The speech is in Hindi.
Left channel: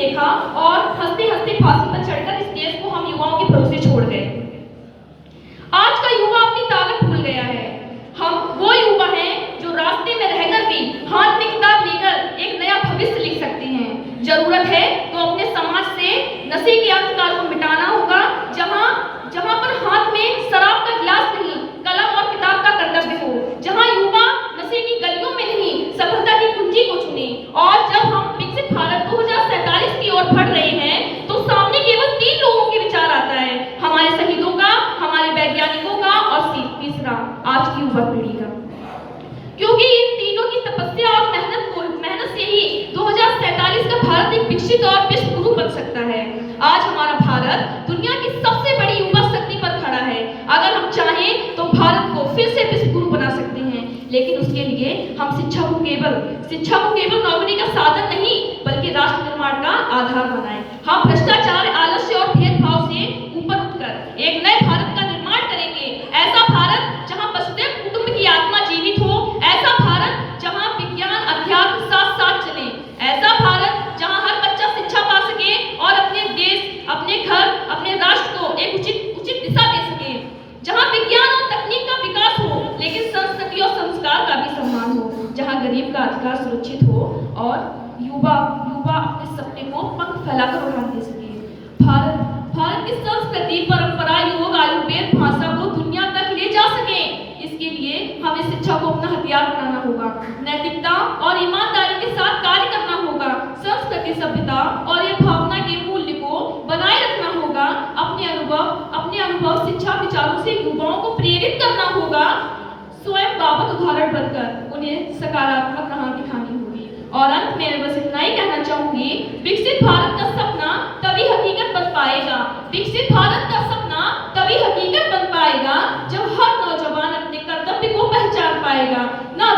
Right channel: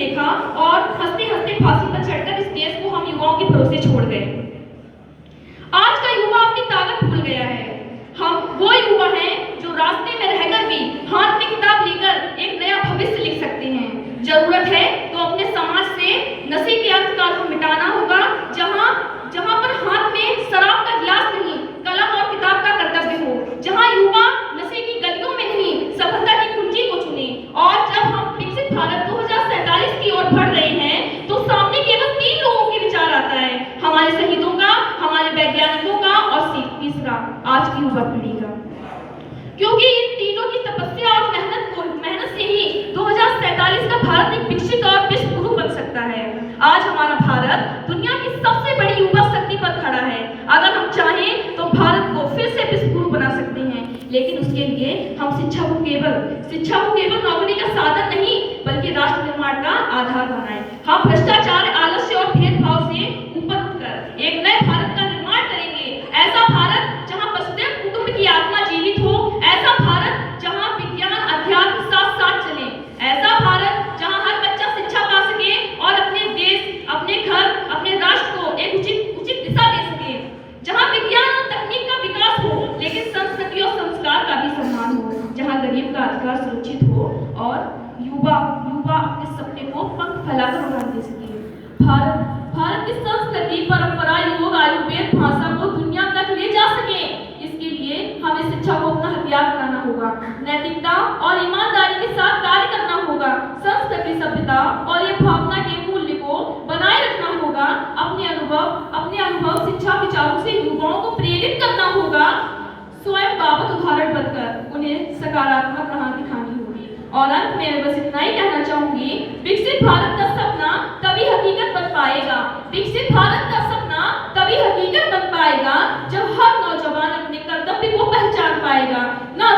देखा और हंसते हंसते फांसी पर चढ़कर इस देश को हम युवाओं के भरोसे छोड़ गए। आज का युवा अपनी ताकत भूल गया है। हम वो युवा हैं जो रास्ते में रहकर भी हाथ में किताब लेकर एक नया भविष्य लिख सकते हैं। जरूरत है तो अपने समाज से नशे के अंधकार को मिटाना होगा। जहां पर हाथ में शराब का गिलास नहीं, कलम और किताब का कर्तव्य हो। जहां युवा नशे की गलियों में नहीं, सफलता की कुंजी को चुने। और जब हम विकसित भारत 2047 की ओर बढ़ रहे हैं तो सामने केवल 3 लोगों के विचार आता है, हमारे शहीदों का, हमारे वैज्ञानिकों का और तीसरा आज की युवा पीढ़ी का। क्योंकि इन तीनों की तपस्या और मेहनत से ही 2047 का भारत एक विकसित और विश्व गुरु बन सकता है। आज हमारा भारत दुनिया की सबसे बड़ी युवा शक्ति पर खड़ा है। अगर हम चाहें तो भारत को फिर से विश्व गुरु बना सकते हैं, लेकिन उसके लिए हम शिक्षा को केवल नौकरी का साधन नहीं बल्कि राष्ट्र निर्माण का आधार बनाएं। हम भ्रष्टाचार, आलस्य और भेदभाव से ऊपर उठकर एक नए भारत का निर्माण करेंगे। ऐसा भारत जहां वसुधैव कुटुंब की आत्मा जीवित हो, ऐसा भारत जहां विज्ञान अध्यात्म साथ साथ चले, ऐसा भारत जहां हर बच्चा शिक्षा पा सके और अपने देश, अपने घर, अपने राष्ट्र को एक उचित दिशा दे सके, जहां विज्ञान और तकनीक का विकास हो लेकिन संस्कृति और संस्कार का भी सम्मान हो, जहां गरीब का अधिकार सुरक्षित हो और युवा अपने सपने को पंख फैलाकर उड़ान दे सके। भारत की संस्कृति, परंपरा, योग, आयुर्वेद, भाषा को दुनिया तक ले जा सके। इसके लिए हमें शिक्षा को अपना हथियार बनाना होगा, नैतिकता और ईमानदारी के साथ कार्य करना होगा, संस्कृति, सभ्यता और ये भावना के मूल्य को बनाए रखना होगा। अपने अनुभव शिक्षा विचारों से युवाओं को प्रेरित करना होगा, स्वयं बाबत उदाहरण बनकर उन्हें सकारात्मक राह दिखानी होगी। और अंत में मैं बस इतना ही कहना चाहूंगी, विकसित भारत का सपना तभी हकीकत बन पाएगा। विकसित भारत का सपना तभी हकीकत बन पाएगा जब हर नौजवान अपने कर्तव्य को पहचान पाएगा, ना